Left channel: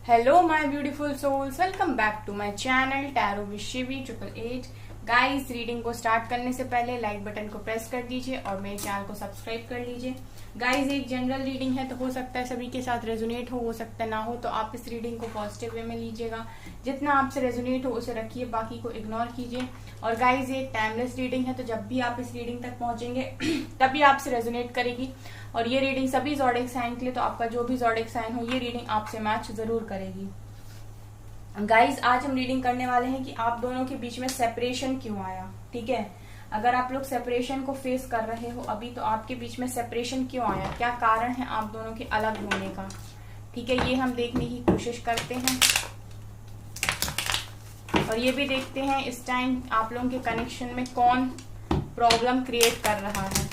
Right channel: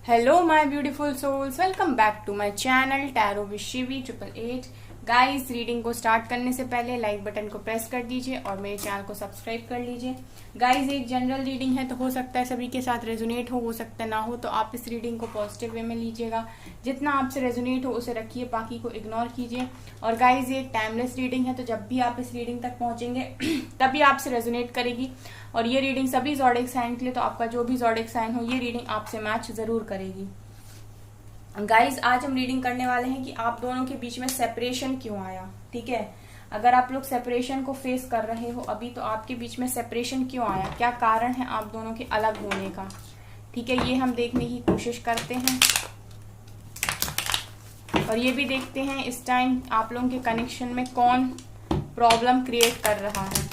Hello my beautiful souls, welcome back to my channel tarot with Shivi 888। Guys, reading को start करने से पहले like button को press कर दीजिए और मेरे चैनल को सब्सक्राइब कर लीजिए। गाइस, एक जनरल रीडिंग है तो हो सकता है सभी के साथ रेजोनेट हो सकता है ना हो, तो आप इस रीडिंग को पॉजिटिव वे में लीजिएगा। जितना आपसे रेजोनेट हो उसे रखिए, बाकी को इग्नोर कीजिए। और गाइस, ये एक टाइमलेस रीडिंग है, तो जब भी आप इस रीडिंग तक पहुंचेंगे तभी आपसे रेजोनेट करेगी। और ये रीडिंग सभी ज़ोडिएक साइन के लिए, तो आपका जो भी ज़ोडिएक साइन हो ये रीडिंग आपसे मैच जरूर करेगी। गाइज, आज हम रीडिंग करने वाले हैं कि आप दोनों के बीच में सेपरेशन क्यों आया। ठीक है, अगर आप लोग सेपरेशन को फेस कर रहे हो अभी, तो आपके बीच में सेपरेशन क्यों आया, क्या कारण है आप दोनों के अलग होने का। ठीक है, ये हम देखने की कोशिश करते हैं और ये भी देखते हैं इस टाइम आप लोगों के कनेक्शन में कौन प्रॉब्लम क्रिएट कर रहा है।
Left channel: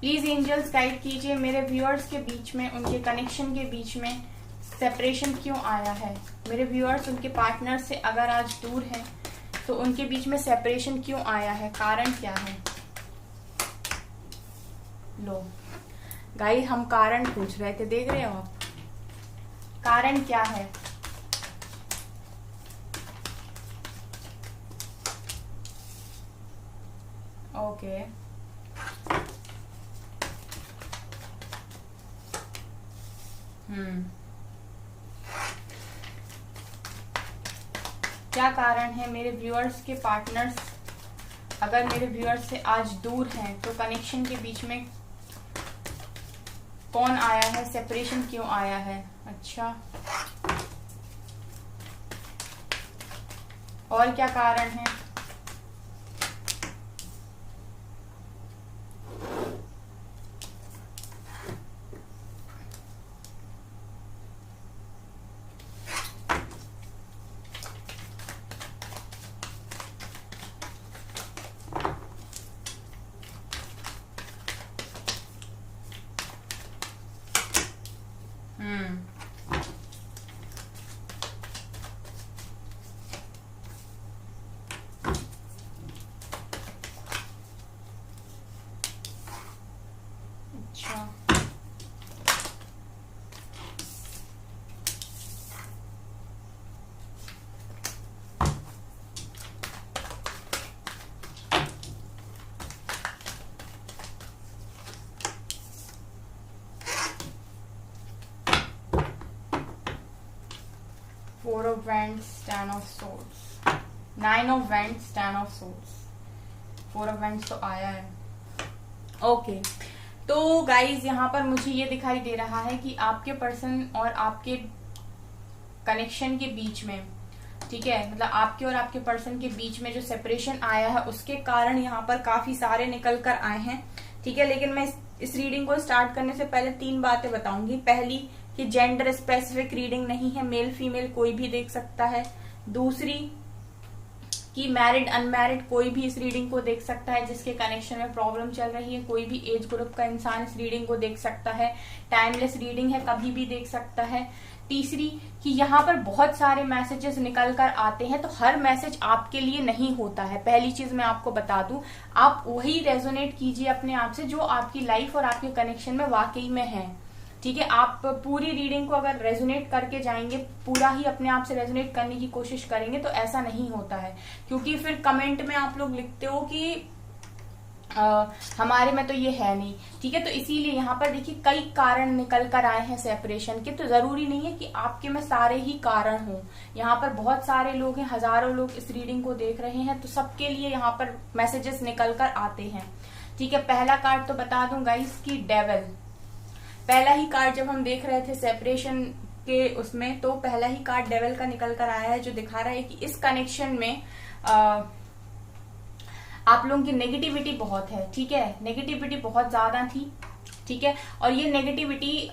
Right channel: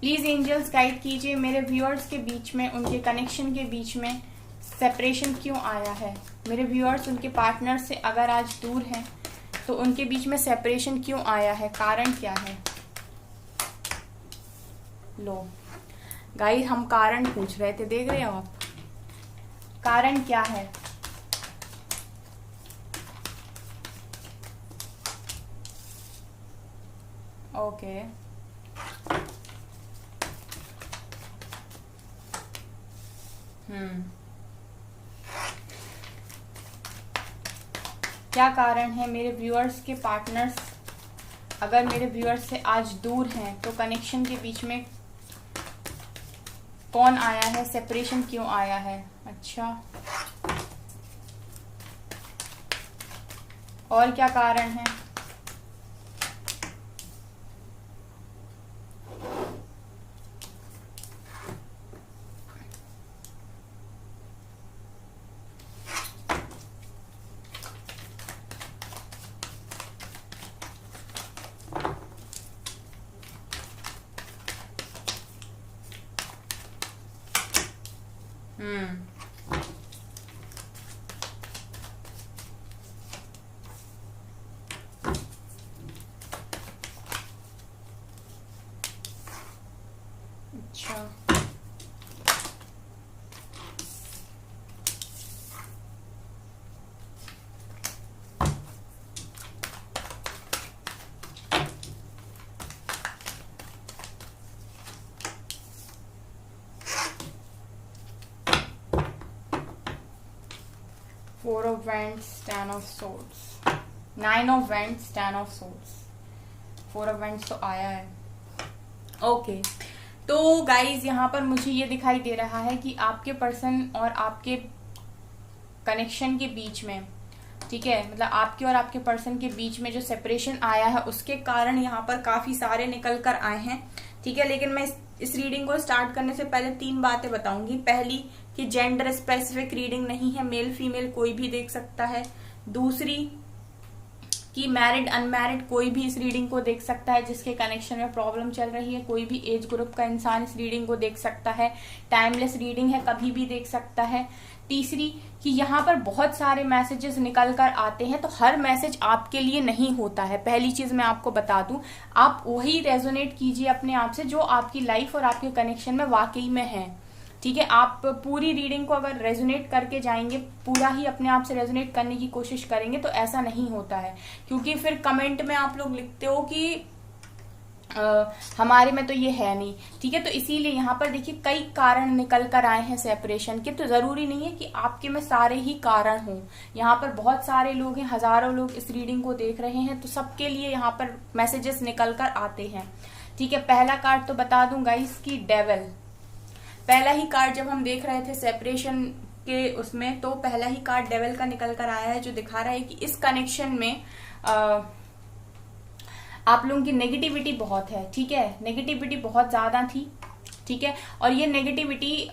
प्लीज एंजल्स गाइड कीजिए मेरे व्यूअर्स के बीच में, उनके कनेक्शन के बीच में सेपरेशन क्यों आया है। मेरे व्यूअर्स उनके पार्टनर से अगर आज दूर हैं तो उनके बीच में सेपरेशन क्यों आया है, कारण क्या है। लो गाइस, हम कारण पूछ रहे थे, देख रहे हो आप, कारण क्या है। ओके, क्या कारण है मेरे व्यूअर्स के पार्टनर्स अगर मेरे व्यूअर्स से आज दूर हैं तो कनेक्शन के बीच में कौन आया है, सेपरेशन क्यों आया है। अच्छा, और क्या कारण है। अच्छा, four of wands, 10 of swords, 9 of wands, 10 of swords, 4 of wands तो आया है। ओके, तो गाइज यहाँ पर मुझे ये दिखाई दे रहा है कि आपके पर्सन और आपके कनेक्शन के बीच में, ठीक है, मतलब आपके और आपके पर्सन के बीच में जो सेपरेशन आया है उसके कारण यहाँ पर काफी सारे निकल कर आए हैं। ठीक है, लेकिन मैं इस रीडिंग को स्टार्ट करने से पहले 3 बातें बताऊंगी। पहली कि जेंडर स्पेसिफिक रीडिंग नहीं है, मेल फीमेल कोई भी देख सकता है। दूसरी कि मैरिड अनमैरिड कोई भी इस रीडिंग को देख सकता है, जिसके कनेक्शन में प्रॉब्लम चल रही है, कोई भी एज ग्रुप का इंसान इस रीडिंग को देख सकता है। टाइमलेस रीडिंग है, कभी भी देख सकता है। तीसरी कि यहाँ पर बहुत सारे मैसेजेस निकल कर आते हैं, तो हर मैसेज आपके लिए नहीं होता है। पहली चीज मैं आपको बता दूं, आप वही रेजोनेट कीजिए अपने आप से जो आपकी लाइफ और आपके कनेक्शन में वाकई में है। ठीक है, आप पूरी रीडिंग को अगर रेजोनेट करके जाएंगे, पूरा ही अपने आप से रेजोनेट करने की कोशिश करेंगे, तो ऐसा नहीं होता है। क्योंकि फिर कमेंट में आप लोग लिखते हो कि हमारे में तो ये है नहीं। ठीक है, तो इसीलिए यहाँ पर देखिए कई कारण निकल कर आए हैं सेपरेशन के, तो जरूरी नहीं है कि आपके में सारे ही कारण हो। यहाँ पर बहुत सारे लोग हैं, हजारों लोग इस रीडिंग को देख रहे हैं, तो सबके लिए यहाँ पर मैसेजेस निकल कर आते हैं। ठीक है, पहला कार्ड तो बता दूं गाइस की डेविल। पहला ही कार्ड जब हम देख रहे थे सेपरेशन के उसमें, तो पहला ही कार्ड डेविल का निकल कर आया है, जो दिखा रहा है कि इस कनेक्शन में आप लोगों की नेगेटिविटी बहुत है। ठीक है, नेगेटिविटी बहुत ज्यादा थी। ठीक है, और ये नेगेटिविटी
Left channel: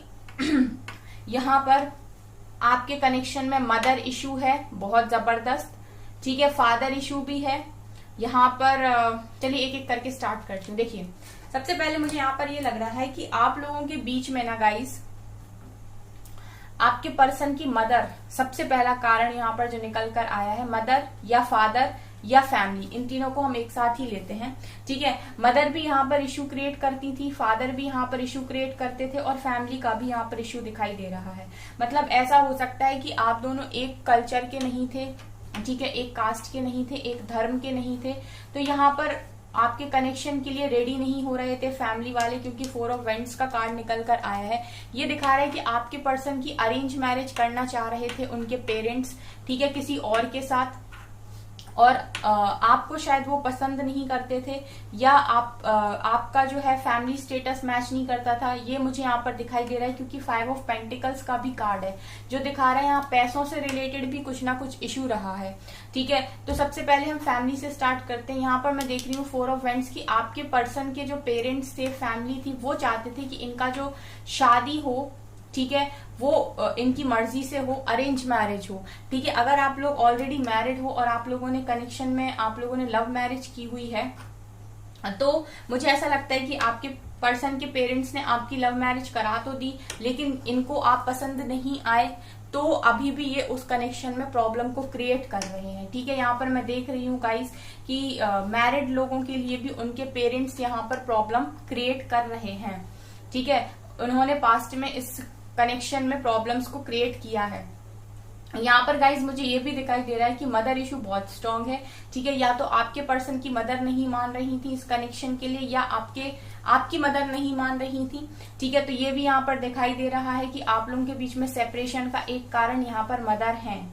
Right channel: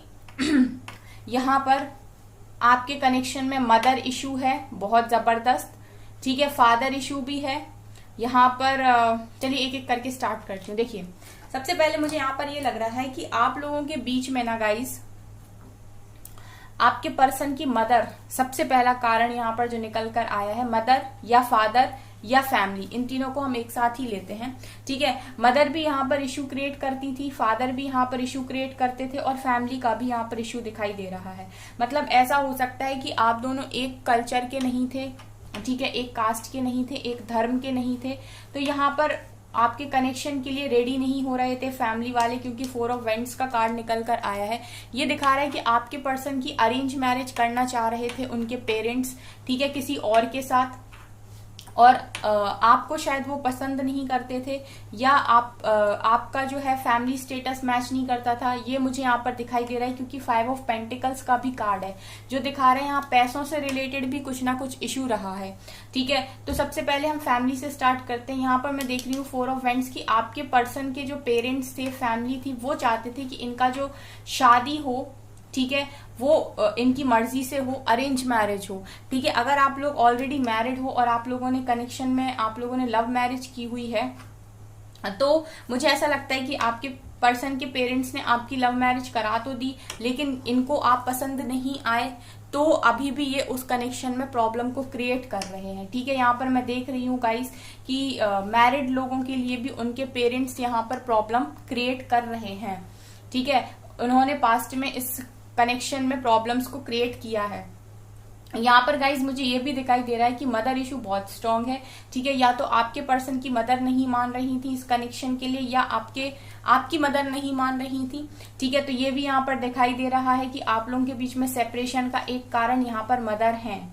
यहाँ पर आपके कनेक्शन में मदर इशू है बहुत जबरदस्त। ठीक है, फादर इशू भी है यहाँ पर। चलिए एक एक करके स्टार्ट करती हूँ। देखिए, सबसे पहले मुझे यहाँ पर ये लग रहा है कि आप लोगों के बीच में ना गाइस, आपके पर्सन की मदर, सबसे पहला कारण यहाँ पर जो निकल कर आया है, मदर या फादर या फैमिली, इन तीनों को हम एक साथ ही लेते हैं। ठीक है, मदर भी यहाँ पर इश्यू क्रिएट करती थी, फादर भी यहाँ पर इश्यू क्रिएट करते थे, और फैमिली का भी यहाँ पर इश्यू दिखाई दे रहा है। मतलब ऐसा हो सकता है कि आप दोनों एक कल्चर के नहीं थे, ठीक है, एक कास्ट के नहीं थे, एक धर्म के नहीं थे, तो यहाँ पर आपके कनेक्शन के लिए रेडी नहीं हो रहे थे फैमिली वाले, क्योंकि 4 ऑफ वेंट्स का कार्ड निकल कर आया है। ये दिखा रहा है कि आपके पर्सन की अरेंज मैरिज करना चाह रहे थे उनके पेरेंट्स, ठीक है, किसी और के साथ, और आपको शायद वो पसंद नहीं करते थे, या आपका जो है फैमिली स्टेटस मैच नहीं करता था। ये मुझे यहाँ पर दिखाई दे रहा है, क्योंकि 5 ऑफ पेंटिकल्स का भी कार्ड है, जो दिखा रहा है यहाँ पैसों से रिलेटेड भी कुछ ना कुछ इश्यू रहा है। ठीक है, तो सबसे पहले हम फैमिली से स्टार्ट करते हैं। यहाँ पर मैं देख रही हूँ 4 ऑफ वेंट्स की आपके पर्सन के जो पेरेंट्स थे, फैमिली थी, वो चाहते थे कि इनका जो शादी हो, ठीक है, वो इनकी मर्जी से हो, अरेंज मैरिज हो। ठीक है, अगर आप लोग ऑलरेडी मैरिड हो और आप लोगों ने कनेक्शन में, आप लोगों ने लव मैरिज की हुई है, तो मुझे ऐसा लगता है कि आपके पर्सन के पेरेंट्स ने आपकी लव मैरिज करा तो दी, लेकिन इनको आप पसंद नहीं आए, तो अभी भी ये उस कनेक्शन में प्रॉब्लम को क्रिएट कर रहे हैं। ठीक है, यहाँ पर मैं देख रही हूँ गाइस कि मैरिड लोगों के लिए भी उनके पेरेंट्स यहाँ पर प्रॉब्लम क्रिएट कर रहे हैं। ठीक है, उन्होंने पास्ट में इस कनेक्शन में प्रॉब्लम्स को क्रिएट किया है। यहाँ पर गाइज मुझे ये भी दिखाई दे रहा है कि मदर इशू बहुत स्ट्रांग है। ठीक है, या तो आपके पर्सन की मदर नहीं मान रही थी इस कनेक्शन के लिए, या आपकी मदर नहीं मान रही थी। ठीक है, तो ये भी यहाँ पर दिखाई दे रहा है कि आप लोगों के बीच में सेपरेशन का एक कारण यहाँ पर मदर है।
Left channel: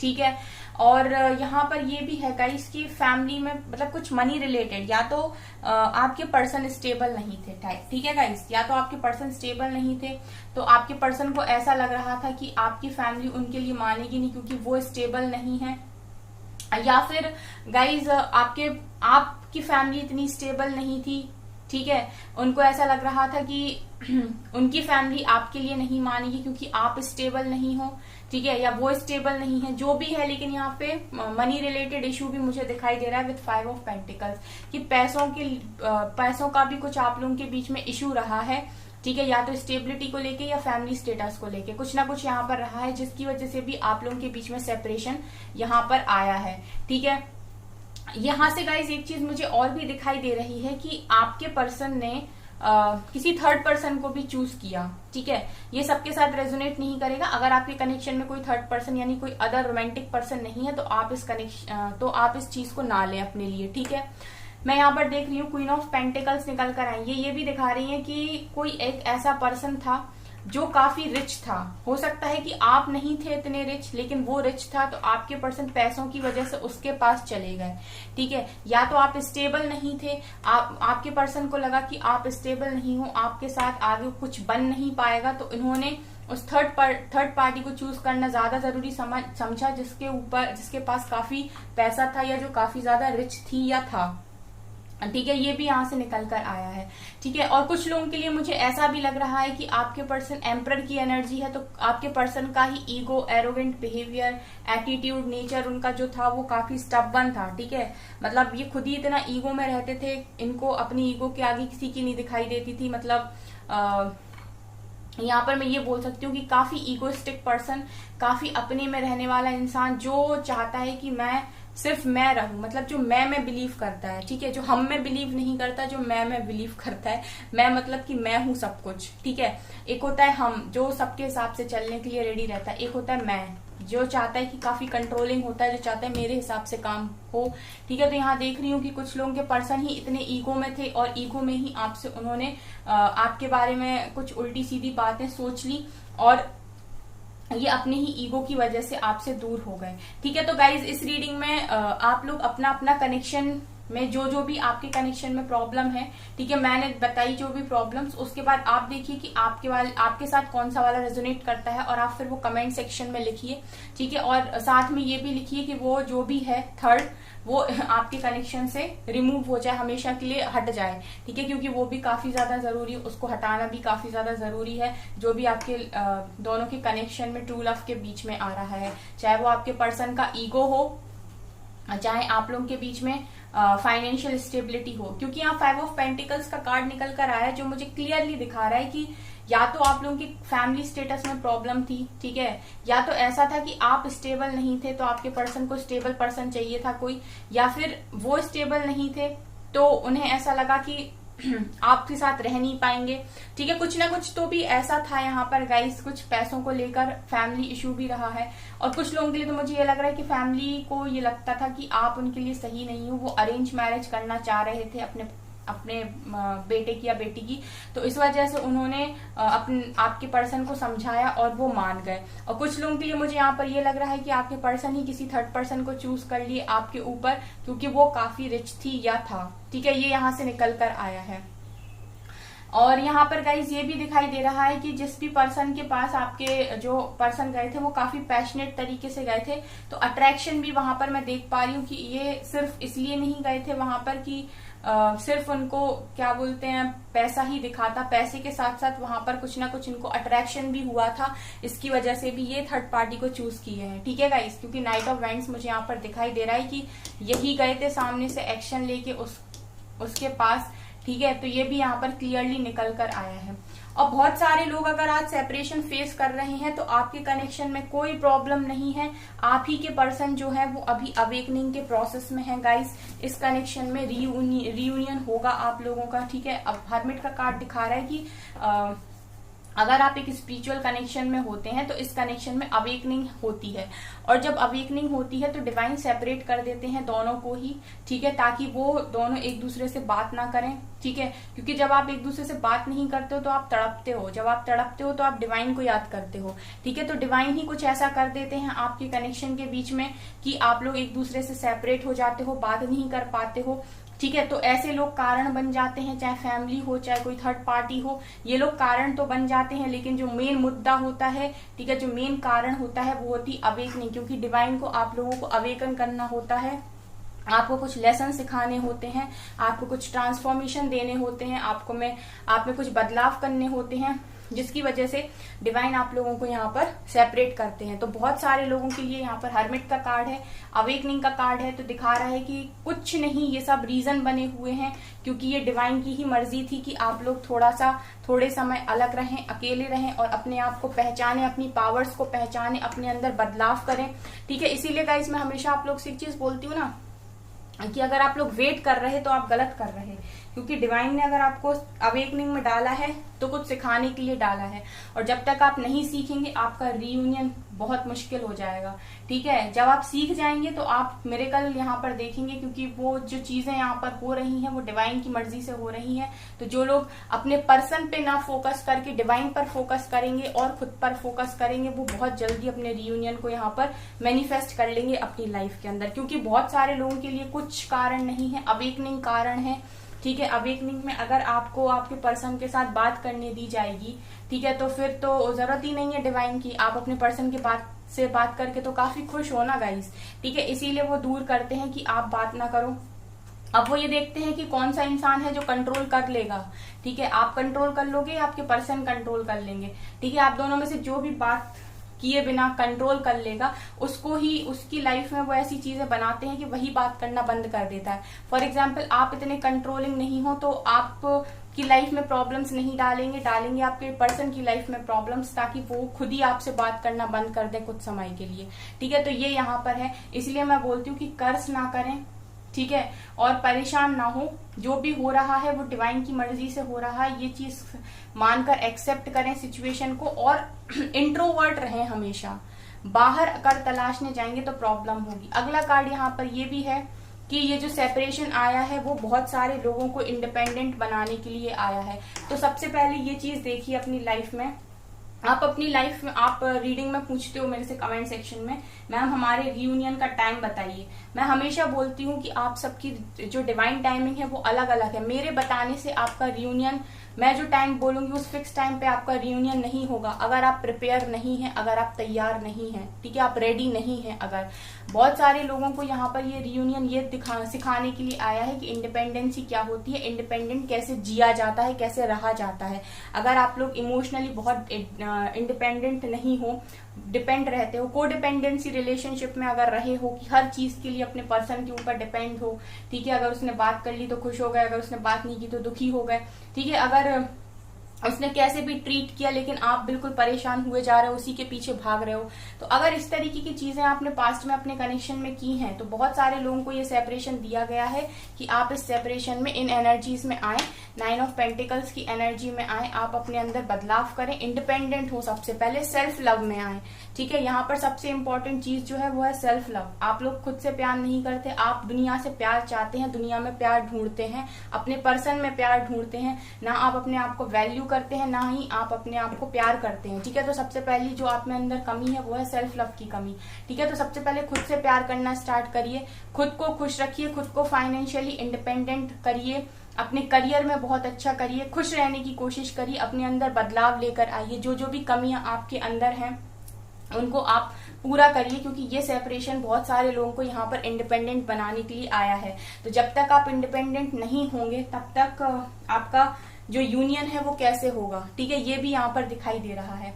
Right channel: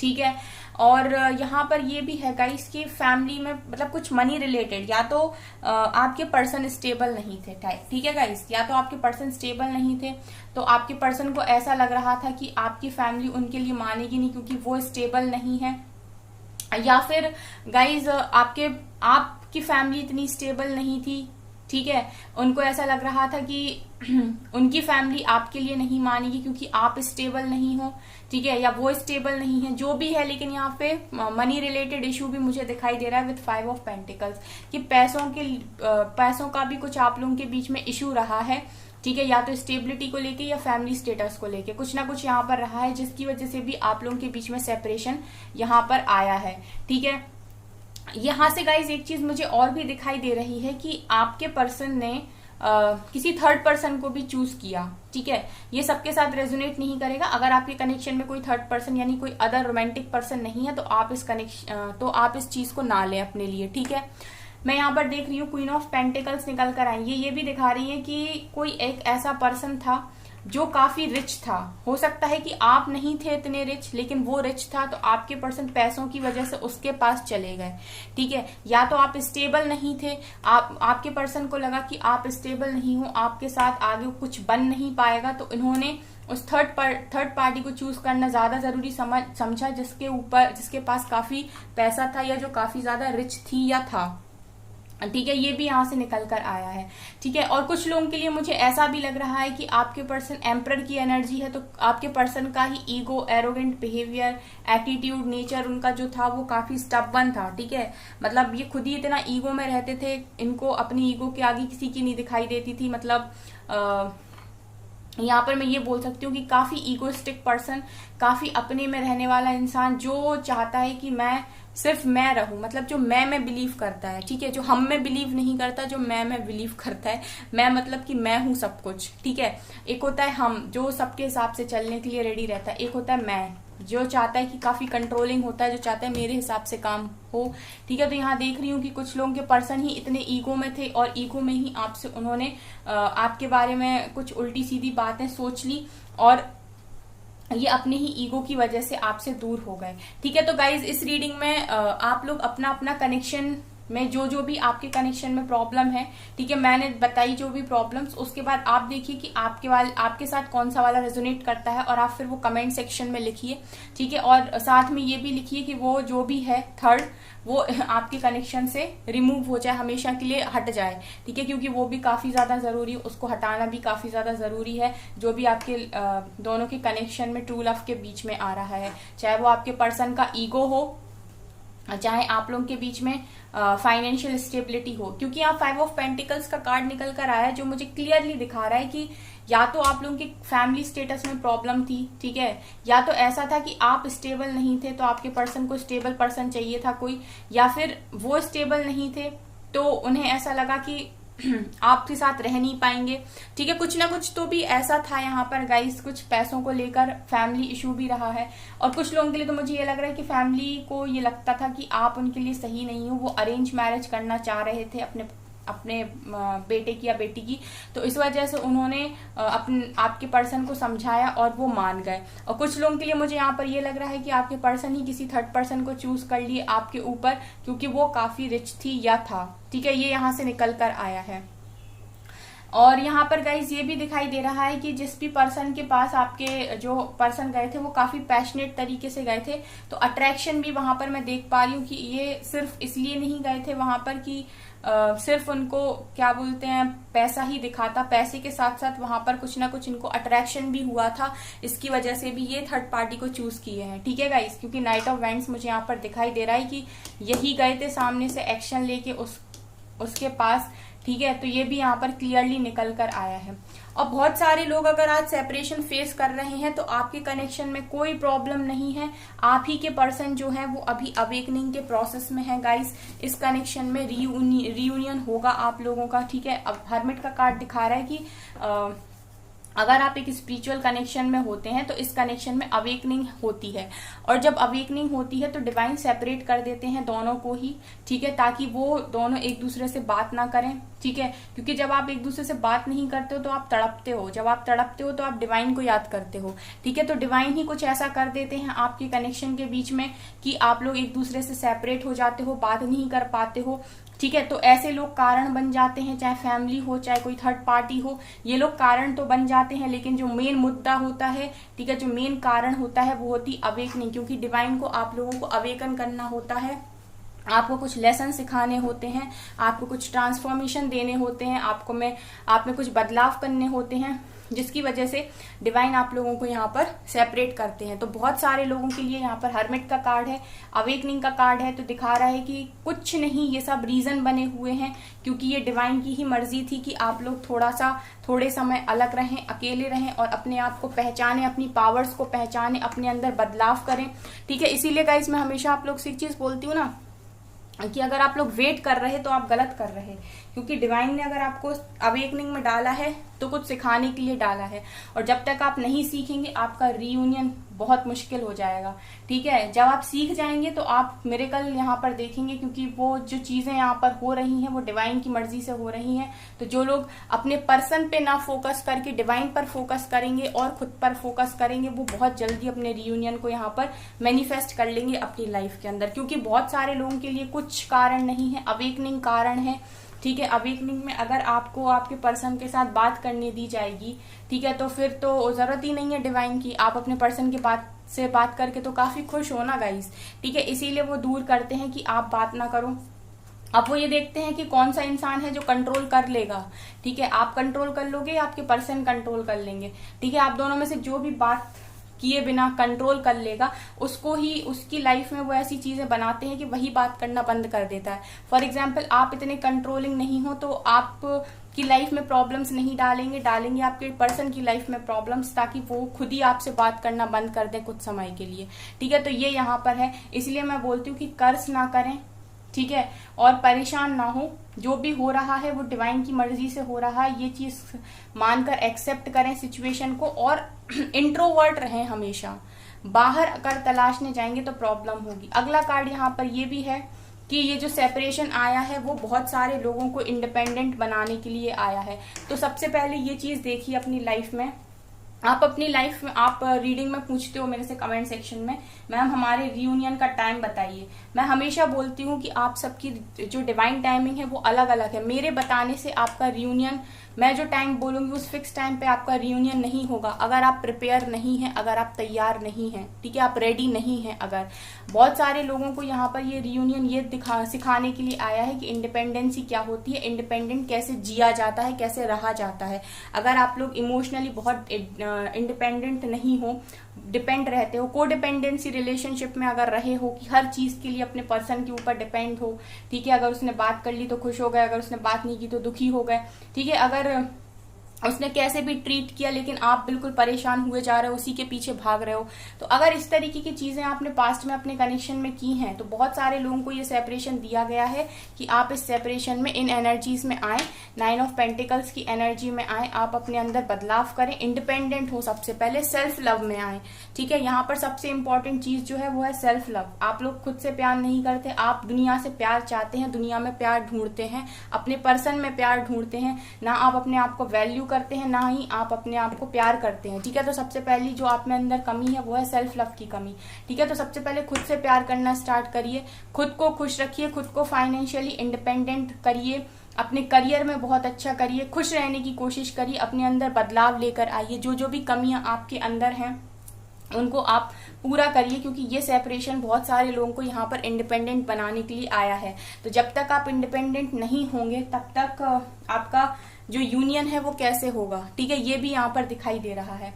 ठीक है, और यहाँ पर ये भी है गाइस कि फैमिली में मतलब कुछ मनी रिलेटेड, या तो आपके पर्सन स्टेबल नहीं थे टाइप। ठीक है गाइस, या तो आपके पर्सन स्टेबल नहीं थे, तो आपके पर्सन को ऐसा लग रहा था कि आपकी फैमिली उनके लिए मानेगी नहीं क्योंकि वो स्टेबल नहीं है, या फिर गाइज आपकी फैमिली इतनी स्टेबल नहीं थी। ठीक है, उनको ऐसा लग रहा था कि उनकी फैमिली आपके लिए नहीं मानेगी क्योंकि आप स्टेबल नहीं हो। ठीक है, या वो स्टेबल नहीं है, जो भी है, लेकिन यहाँ पे मनी रिलेटेड इशू भी मुझे दिखाई दे रहा है विद 5 ऑफ पेंटिकल्स कि पैसों का भी कुछ आप लोगों के बीच में इशू रहा है। ठीक है, या तो स्टेबिलिटी को लेके या फैमिली स्टेटस को लेके कुछ ना कुछ यहाँ पर रहा है, जिसकी वजह से भी आप लोगों के बीच में सेपरेशन यहाँ पर आया है। ठीक है, यहाँ से गाइज एक चीज मुझे और भी दिखाई दे रही है कि आपके पर्सन ने किसी थर्ड पर्सन को भी चूज किया। ठीक है, ये सबके साथ रेजोनेट नहीं करेगा। अगर आपके कनेक्शन में कोई थर्ड पर्सन यानी कोई अदर रोमांटिक पर्सन नहीं है, तो आप इस चीज को ना लें अपने लिए। ठीक है, मैं यहाँ पर देख रही हूँ क्वीन ऑफ पेंटिकल्स निकल कर आई है। ये भी दिखा रही है कि कोई एक ऐसा पर्सन था जो काफी रिच था। हो सकता है कि आप नहीं थे इतने रिच, लेकिन वो रिच था, तो आपके पर्सन पैसों की वजह से उसके पास चले गए। ठीक है, या तो आप स्टेबल नहीं थे, आपके पर्सन को लगा कि आप स्टेबल नहीं हो, आपके साथ आगे कुछ बन नहीं पाएगा, तो इन्होंने उस थर्ड पार्टी को चूज करना ज्यादा जरूरी समझा जिसके पास काफी पैसा था, या जो काफी ज्यादा रिच थी या था। ठीक है, ये भी यहाँ से निकल कर आया है। ठीक है, और कुछ लोगों के लिए मुझे ऐसा भी लग रहा है कि आपके पर्सन एम्परर की एनर्जी है, तो आपके पर्सन का ही ego, arrogant behaviour, attitude, nature उनका जो था वो काफी स्टबर्न था। ठीक है, मतलब ये खुद ही इतना ईगो में रहते थे, इनको अपनी ईगो के आगे किसी की नहीं दिखाई देती थी। मतलब यहाँ पर मैं ये बोल सकती हूँ कि काफी ईगोइस्टिक पर्सन, काफी अपने में रहने वाला इंसान, जो चाहता है कि सिर्फ मैं रहूं, मतलब जो मैं बिलीव करता है। ठीक है, जो हम में बिलीव नहीं करता, जो मैं बिलीव करता है। मैं मतलब कि मैं हूं सब कुछ। ठीक है, एक होता है हम जो सबके हिसाब से चलने के लिए रेडी रहता है, एक होता है मैं जो चाहता है कि काफी कंट्रोलिंग होता है, जो चाहता है मेरे हिसाब से काम हो। ठीक है, तो यहाँ देख रही हूँ कि कुछ लोगों के पर्सन ही इतने ईगो में थे, और ईगो में ही आपसे उन्होंने आपके बारे में कुछ उल्टी सीधी बातें सोच ली, और ये अपने ही ईगो की वजह से आपसे दूर हो गए। ठीक है, तो गाइज इस रीडिंग में आप लोग अपना अपना कनेक्शन में जो भी आपके कनेक्शन में प्रॉब्लम है, ठीक है, मैंने बताई जो भी प्रॉब्लम्स, उसके बाद आप देखिए कि आपके साथ कौन सा वाला रेजोनेट करता है, और आप फिर वो कमेंट सेक्शन में लिखिए। ठीक है, और साथ में ये भी लिखिए कि वो जो भी है थर्ड, वो आपके कनेक्शन से रिमूव हो जाए, हमेशा के लिए हट जाए। ठीक है, क्योंकि वो भी काफी ज्यादा जरूरी है, उसको हटाना भी काफी ज्यादा जरूरी है। जो भी आपके दोनों के कनेक्शन में ट्रू लव के बीच में आ रहा है, चाहे वो आपके पर्सन का ईगो हो, चाहे आप लोगों के बीच में फाइनेंशियल स्टेबिलिटी हो, क्योंकि यहाँ 5 ऑफ पेंटिकल्स का कार्ड निकल कर आया है, जो मुझे क्लियरली दिखा रहा है कि या तो आप लोगों की फैमिली स्टेटस में प्रॉब्लम थी, ठीक है, या तो ऐसा था कि आप स्टेबल नहीं थे तो आपके पर्सन को स्टेबल पर्सन चाहिए था कोई, या फिर वो स्टेबल नहीं थे तो उन्हें ऐसा लगा कि आपके साथ रह नहीं पाएंगे, ठीक है, कुछ ना कुछ तो भी ऐसा था यहाँ पर गाइस। कुछ पैसों को लेकर फैमिली इशू भी रहा है, और कुछ लोगों के लिए तो मुझे ये लग रहा है कि फैमिली को ये लगता था कि आप उनके लिए सही नहीं हो, वो अरेंज मैरिज करना चाह रहे थे अपने बेटे की या बेटी की, तो इस वजह से उन्होंने आपके पर्सन को समझाया और वो मान गए। और कुछ लोगों के लिए मुझे यहाँ पर ये लग रहा है कि आपके पर्सन ही किसी थर्ड पर्सन को चूज कर लिए आपके ऊपर, क्योंकि वो काफी रिच थी या था, ठीक है, ये यहाँ से निकल कर आया है। और यहाँ पर गाइज ये भी दिखाई दे रहा है कि जिस भी पर्सन के पास आपके जो पर्सन गए थे वो काफी पैशनेट तरीके से गए थे, तो अट्रैक्शन भी वहां पर मैं देख पा रही हूँ कि ये सिर्फ इसलिए नहीं गए थे वहां पर कि सिर्फ उनको क्या बोलते हैं पैसा ही दिखा था, पैसे के साथ साथ वहां पर कुछ ना कुछ इनको अट्रैक्शन भी हुआ था, इसकी वजह से भी ये थर्ड पार्टी को चूज किए हैं, ठीक है गाइस, क्योंकि नाइट ऑफ वेंट्स मुझे यहाँ पर दिखाई दे रहा है कि यही गए थे सामने से एक्शन लेके उसके पास, ठीक है, तो ये भी यहाँ पर क्लियरली निकल कर आया है। और बहुत सारे लोग अगर आज सेपरेशन फेस कर रहे हैं तो आपके कनेक्शन में कोई प्रॉब्लम नहीं है, आप ही के पर्सन जो है वो अभी अवेकनिंग के प्रोसेस में है गाइस। इस कनेक्शन में रीयूनियन होगा आप लोगों का, ठीक है। अब हर्मिट का कार्ड दिखा रहा है कि अगर आप एक स्पिरिचुअल कनेक्शन में होते हैं तो इस कनेक्शन में अवेकनिंग होती है, और जब अवेकनिंग होती है तो डिवाइन सेपरेट कर देते हैं दोनों को ही, ठीक है, ताकि वो दोनों एक दूसरे से बात ना करें, ठीक है, क्योंकि जब आप एक दूसरे से बात नहीं करते हो तो आप तड़पते हो, जब आप तड़पते हो तो आप डिवाइन को याद करते हो, ठीक है, तो डिवाइन ही कुछ ऐसा कर देते हैं आपके कनेक्शन के बीच में कि आप लोग एक दूसरे से सेपरेट हो जाते हो, बात नहीं कर पाते हो, ठीक है। तो ऐसे लोग कारण बन जाते हैं, चाहे फैमिली हो चाहे कोई थर्ड पार्टी हो, ये लोग कारण तो बन जाते हैं, लेकिन जो मेन मुद्दा होता है, ठीक है, जो मेन कारण होता है वो होती अवेकनिंग, क्योंकि डिवाइन को आप लोगों को अवेकन करना होता है, आपको कुछ लेसन सिखाने होते हैं, आपको कुछ ट्रांसफॉर्मेशन देने होते हैं, आप में कुछ बदलाव करने होते हैं, जिसकी वजह से डिवाइन आप लोगों को यहाँ पर सेपरेट करते हैं। तो बहुत सारे लोगों के लिए यहाँ पर हर्मिट का कार्ड है, अवेकनिंग का कार्ड है, तो दिखा रहा है कि कुछ नहीं, ये सब रीजन बने हुए हैं, क्योंकि ये डिवाइन की ही मर्जी थी कि आप लोग थोड़े समय अलग रहें, अकेले रहें और अपने आप को पहचाने, अपनी पावर्स को पहचाने, अपने अंदर बदलाव करें, ठीक है। इसीलिए गाइस मैं हमेशा आप लोग से एक चीज बोलती हूँ ना कि अगर आप लोग वेट कर रहे हैं तो आप गलत कर रहे हैं, क्योंकि डिवाइन ने अगर आपको अवेकनिंग में डाला है तो कुछ सिखाने के लिए डाला है, और जब तक आप नहीं सीखेंगे आपका रीयूनियन बहुत मुश्किल हो जाएगा, ठीक है। जब आप सीख जाएंगे तो आप मिरेकल यहाँ पर देखेंगे, क्योंकि वो जो चीजें यहाँ पर हो रही हैं वो डिवाइन की मर्जी से हो रही हैं। तो जो लोग अपने पर्सन पे ना फोकस करके डिवाइन पर फोकस करेंगे और खुद पर फोकस करेंगे, वो बहुत जल्दी अपने रीयूनियन को यहाँ पर मैनिफेस्ट कर लेंगे अपनी लाइफ के अंदर, क्योंकि बहुत सारे लोगों के लिए कुछ कारण नहीं है, अवेकनिंग कारण है, ठीक है। अवेकनिंग में अगर आपको आपके पर्सन के साथ बात करने दी जाएगी, ठीक है, तो फिर तो जरूरत ही नहीं है डिवाइन की, आप अपने पर्सन के से बात करके तो काफी खुश हो ना गाइस, ठीक है। इसीलिए वो दूर करते हैं कि आप बात ना करो। अब वो ये देखते हैं कि कौन सा इंसान है जो कंट्रोल कर लेगा, ठीक है, आप कंट्रोल कर लोगे या आपके पर्सन कंट्रोल कर लेंगे, ठीक है। आप दोनों में से जो भी बात किए बिना कंट्रोल कर लेगा, उसको ही उसकी लाइफ में वो ऐसी चीजें बनाते हैं कि वही बात करना बंद कर देता है। फॉर एग्जाम्पल आप इतने कंट्रोलिंग नहीं हो तो आप की लाइफ में प्रॉब्लम्स नहीं डालेंगे आपके पर्सन की लाइफ में प्रॉब्लम्स, ताकि वो खुद ही आपसे बात करना बंद कर दे कुछ समय के लिए, ठीक है। तो ये यहाँ पर है, इसलिए मैं बोलती हूँ कि कर्ज ना करें, ठीक है, और परेशान ना हो, जो भी हो रहा है वो डिवाइन की मर्जी से हो रहा है, ये चीज मानकर एक्सेप्ट करें सिचुएशन को, और इंट्रोवर्ट रहें हमेशा, बाहर अगर तलाशने जाएंगे तो प्रॉब्लम होगी। अगला कार्ड यहाँ पर ये भी है कि ये जो सेपरेशन आया है वो बहुत सारे लोगों को इंडिपेंडेंट बनाने के लिए आया है। तो सबसे पहले ये चीज देखिए अपनी लाइफ में, आप अपनी लाइफ में आप रीडिंग में पूछते हो मेरे से कमेंट सेक्शन में, मैम हमारे रियूनियन का टाइम बताइए। मैं हमेशा बोलती हूँ कि आप सबकी जो डिवाइन टाइमिंग है वो अलग अलग है, मेरे बताने से आपका रियूनियन, मैं जो टाइम बोलूंगी उस फिक्स टाइम पे आपका रियूनियन नहीं होगा, अगर आप प्रिपेयर नहीं हैं, अगर आप तैयार नहीं हैं, ठीक है, आप रेडी नहीं हैं। अगर बहुत सारे लोगों को यहाँ पर ये रियूनियन ये सिखाने के लिए आया है कि इंडिपेंडेंसी क्या होती है, इंडिपेंडेंट कैसे जिया जाता है, कैसे रहा जाता है। अगर आप लोग इमोशनली बहुत इंडिपेंडेंट नहीं हो, डिपेंड रहते हो, को डिपेंडेंसी रिलेशनशिप में अगर रहे हो कि हर चीज के लिए अपने पर्सन के ऊपर डिपेंड हो, ठीक है, अगर उसने बात कर ली तो खुश हो गए, अगर उसने बात नहीं की तो दुखी हो गए, ठीक है, अगर उसने कैसे भी ट्रीट किया, लेकिन आप बिल्कुल परेशान हुए जा रहे हो, उसी के पीछे भाग रहे हो। तो अगर इस तरीके की चीजें आपने पास्ट में अपने कनेक्शन में की हैं, तो बहुत सारे लोगों को ये सेपरेशन दिया गया है कि आप इस सेपरेशन में, इन एनर्जीज में आए, 9 ऑफ पेंटिकल्स की एनर्जी में आए, आप अपने अंदर बदलाव करें, इंडिपेंडेंट हो, सबसे पहले सेल्फ लव में आए। ठीक है, यहाँ पर सबसे इंपॉर्टेंट चीज जो है वो है सेल्फ लव। आप लोग खुद से प्यार नहीं करते, आप दुनिया से प्यार चाहते हैं, दुनिया में प्यार ढूंढते हैं, अपने पर्सन में प्यार ढूंढते हैं। ना आप अपने आप को वैल्यू करते हैं, ना ही आप अपने आप को प्यार करते हैं। ठीक है, तो सबसे पहली जो आप में अंदर कमी है वो है सेल्फ लव की कमी। ठीक है, तो सबसे पहले खुद से प्यार करना स्टार्ट करिए, खुद को खुश रखिए, खुद को फाइनेंशियली इंडिपेंडेंट करिए, अपने करियर में बहुत अच्छा करिए, खुश रहने की कोशिश करिए, अपने अंदर बदलाव लेकर आइए। जो जो भी कमियां आपके अंदर हैं उनको आप पूरा करिए, क्योंकि ये सेपरेशन बहुत सारे लोगों को यहाँ पर इंडिपेंडेंट बनाने के लिए आया है। तो जब तक आप इंडिपेंडेंट नहीं होंगे तब तक आपका जो यूनियन है वो कैसे होगा। ठीक है, ये भी यहाँ पर दिखाई दे रहा है।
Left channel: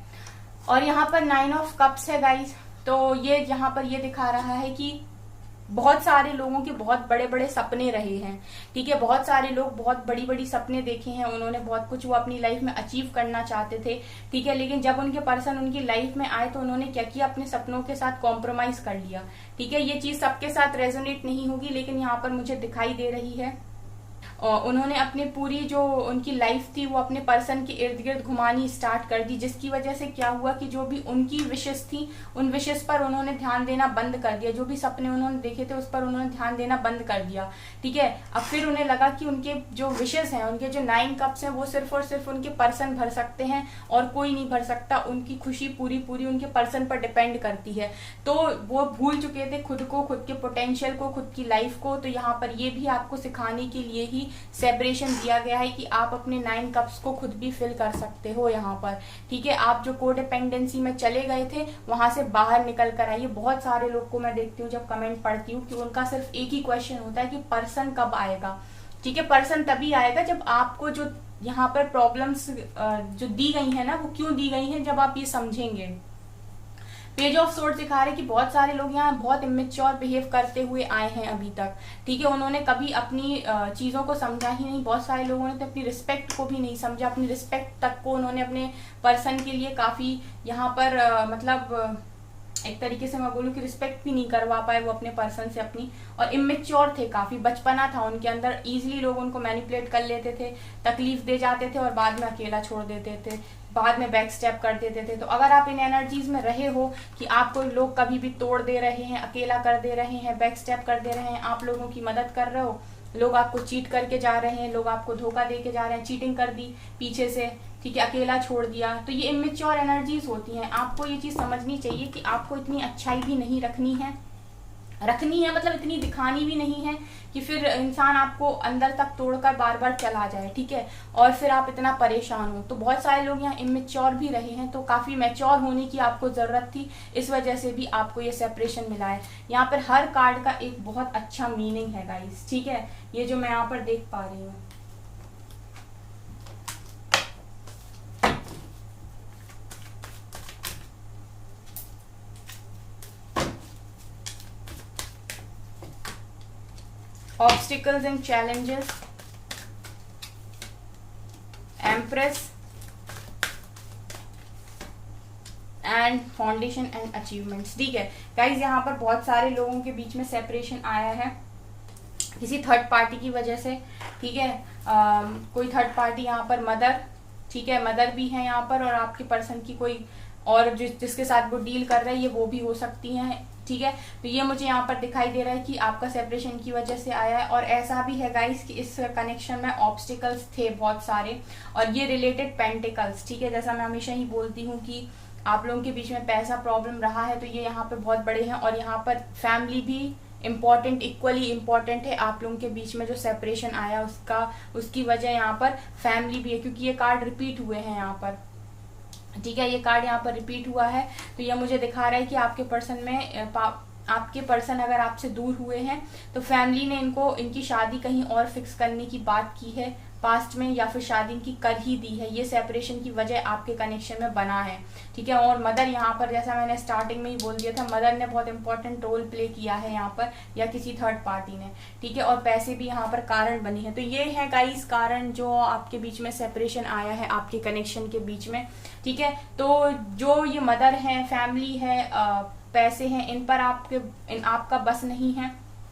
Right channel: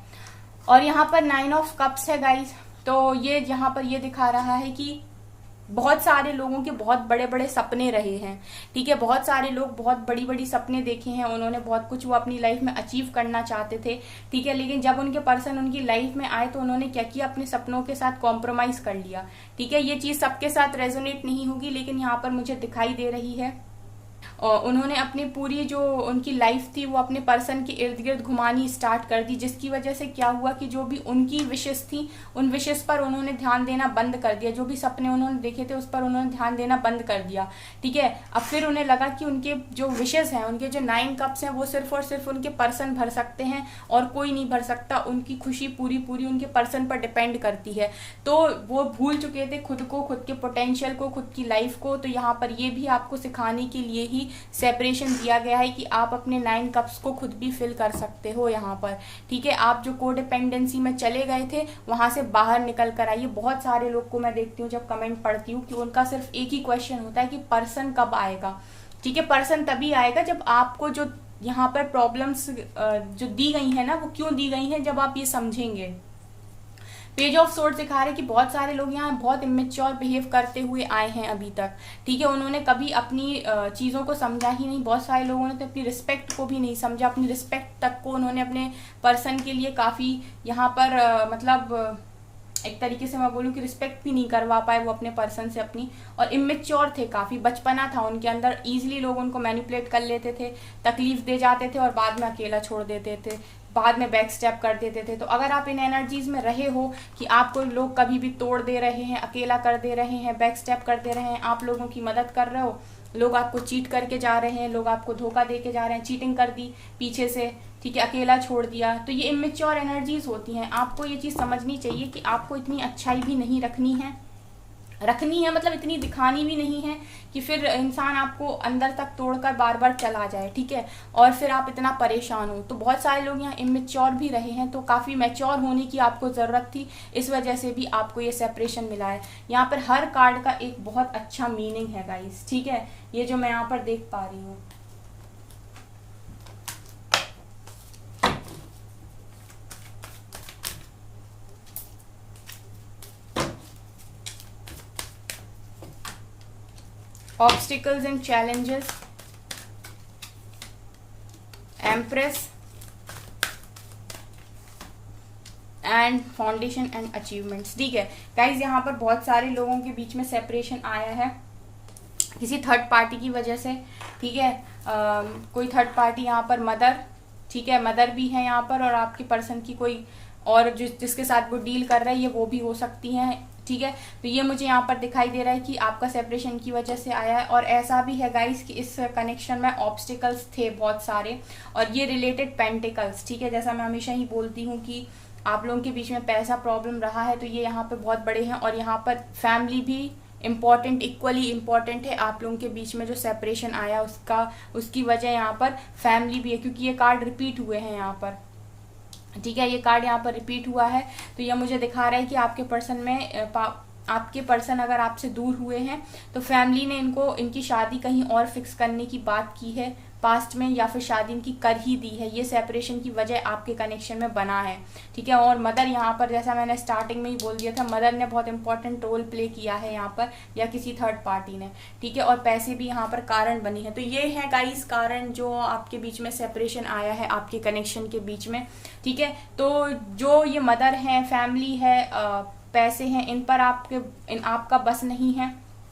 और यहाँ पर 9 ऑफ कप्स है गाइस, तो ये यहाँ पर ये दिखा रहा है कि बहुत सारे लोगों के बहुत बड़े बड़े सपने रहे हैं। ठीक है, बहुत सारे लोग बहुत बड़ी बड़ी सपने देखे हैं, उन्होंने बहुत कुछ वो अपनी लाइफ में अचीव करना चाहते थे। ठीक है, लेकिन जब उनके पर्सन उनकी लाइफ में आए तो उन्होंने क्या किया, अपने सपनों के साथ कॉम्प्रोमाइज कर लिया। ठीक है, ये चीज सबके साथ रेजोनेट नहीं होगी, लेकिन यहाँ पर मुझे दिखाई दे रही है। और उन्होंने अपनी पूरी जो उनकी लाइफ थी वो अपने पर्सन के इर्द गिर्द घुमानी स्टार्ट कर दी, जिसकी वजह से क्या हुआ कि जो भी उनकी विशेष थी उन विशेष पर उन्होंने ध्यान देना बंद कर दिया, जो भी सपने उन्होंने देखे थे उस पर उन्होंने ध्यान देना बंद कर दिया। ठीक है, अब फिर उन्हें लगा कि उनके जो विशेष हैं, उनके जो 9 कप्स हैं वो सिर्फ और सिर्फ उनके पर्सन भर सकते हैं और कोई नहीं भर सकता। उनकी खुशी पूरी पूरी उनके पर्सन पर डिपेंड करती है। तो वो भूल चुके थे खुद को, खुद के पोटेंशियल को, खुद की लाइफ को। तो यहाँ पर ये भी आपको सिखाने के लिए ही सेपरेशन दिया गया है कि आप अपने 9 कप्स को खुद भी फिल कर सकते हो यहाँ पर। ठीक है, आप जो कोडिपेंडेंसी में चले गए थे वहां से बाहर निकल कर आइए। बहुत सारे लोग को मैं देखती हूँ जब कमेंट पढ़ती हूँ कि उनका सिर्फ एक ही क्वेश्चन होता है कि पर्सन कब आएगा। ठीक है, पर्सन तभी आएगा जब आपको जो यहाँ पर प्रॉब्लम्स जो दी गई है ना, वो क्यों दी गई है, जब आप ये समझेंगे। पेज ऑफ सोर्ड दिखा रहे कि बहुत सारे लोग यहाँ बहुत इमेच्योर बिहेव करते हुए आए हैं अभी तक। ठीक है, उन्होंने कभी अपनी चीजों को समझा ही नहीं। बहुत सारे लोगों ने तो अपनी रिस्पेक्ट को भी नहीं समझा, अपनी रिस्पेक्ट तक को उन्होंने अपने पर्सन के लिए काफी यहाँ पर मतलब एक तरीके से मैं बोलूँ कि रिस्पेक्ट भी नहीं करवा पाए वो अपने पर्सन से अपनी, और इमेच्योर थे, काफी बचपना था उनके अंदर। इजीली लोग उनको मैनिपुलेट कर लेते थे, तकलीफ दे जाते थे और बाद में अकेला छोड़ देते थे, बाद में बैक स्टेप कर देते थे। तो अगर आप इन एनर्जीज में रहे हो कि आपको लोग कभी भी तोड़ दे रहे हैं, अकेला कर दे रहे हैं, बैक स्टेप कर दे रहे हैं, आप लोगों की मदद कर रहे हो, लोग आपको चीट करके जा रहे हैं, लोग आपको धोखा दे के जा रहे हैं, चीटिंग कर दी पीछे से, ठीक है, अकेला छोड़ दिया, तो ये इमेच्योर एनर्जीज होती हैं। आपको ये चीज समझनी चाहिए कि आपको इतनी अच्छाई भी नहीं रखनी है, मतलब इतनी दिखानी भी नहीं है कि फिर इंसान आपको अंदर तक तोड़कर बार बार चला जाए। ठीक है, और फिर आप इतना परेशान हो। तो बहुत सारे लोग यहाँ इमेच्योर भी रहे हैं, तो काफी मैच्योर होने की आपको जरूरत थी, इस वजह से भी आपको ये सेपरेशन मिला है। यहाँ पर हर कार्ड का एक बहुत अच्छा मीनिंग है गाइस। ठीक है, ये जो मैं यहाँ पर देख पा रही हूँ, obstacles and challenges, empress and foundation and achievements. ठीक है गाइज, यहाँ पर बहुत सारे लोगों के बीच में सेपरेशन आया है किसी थर्ड पार्टी की वजह से। ठीक है, कोई थर्ड पार्टी यहाँ पर मदर, ठीक है, मदर भी है यहाँ पर, और आपके पर्सन की कोई और जिसके साथ वो डील कर रही है वो भी हो सकती है। ठीक है, तो ये मुझे यहाँ पर दिखाई दे रहा है कि आपका सेपरेशन की वजह से आया है। और ऐसा भी है गाइस कि इस कनेक्शन में ऑब्स्टिकल्स थे बहुत सारे, और ये रिलेटेड पेंटिकल्स। ठीक है, जैसा मैं हमेशा ही बोलती हूँ कि आप लोगों के बीच में पैसा प्रॉब्लम रहा है, तो ये यहाँ पे बहुत बड़े हैं। और यहाँ पर फैमिली भी इम्पोर्टेंट, इक्वली इम्पोर्टेंट है। आप लोगों के बीच में जो सेपरेशन आया उसकी वजह यहाँ पर फैमिली भी है, क्योंकि ये कार्ड रिपीट हुए हैं यहाँ पर। ठीक है, ये कार्ड यहाँ पर रिपीट हुआ है, तो ये मुझे दिखा रहा है कि आपके पर्सन में आपके पर्सन अगर आपसे दूर हुए हैं तो फैमिली ने इनकी शादी कहीं और फिक्स करने की बात की है। पास्ट में या फिर शादी की कर ही दी है, ये सेपरेशन की वजह आपके कनेक्शन में बना है, ठीक है। और मदर यहाँ पर, जैसा मैंने स्टार्टिंग में ही बोल दिया था, मदर ने बहुत इंपॉर्टेंट रोल प्ले किया है यहाँ पर, या किसी थर्ड पार्टी ने, ठीक है। और पैसे भी यहाँ पर कारण बनी है। तो ये है गाइस कारण जो आपके बीच में सेपरेशन आया है आपके कनेक्शन के बीच में, ठीक है। तो जो ये मदर है, फैमिली है, पैसे हैं, इन पर आपका बस नहीं है,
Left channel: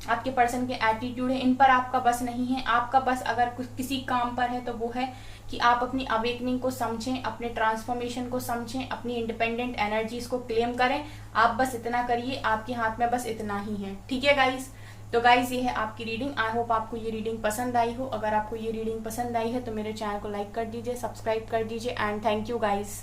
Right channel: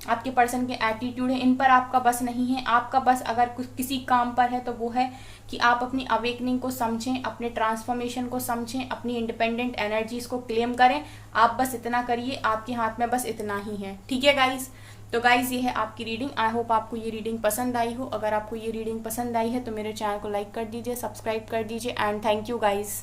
आपके पर्सन के एटीट्यूड है, इन पर आपका बस नहीं है। आपका बस अगर कुछ किसी काम पर है तो वो है कि आप अपनी अवेकनिंग को समझें, अपने ट्रांसफॉर्मेशन को समझें, अपनी इंडिपेंडेंट एनर्जीज को क्लेम करें। आप बस इतना करिए, आपके हाथ में बस इतना ही है, ठीक है गाइस। तो गाइस ये है आपकी रीडिंग। आई होप आपको ये रीडिंग पसंद आई हो। अगर आपको ये रीडिंग पसंद आई है तो मेरे चैनल को लाइक कर दीजिए, सब्सक्राइब कर दीजिए, एंड थैंक यू गाइस।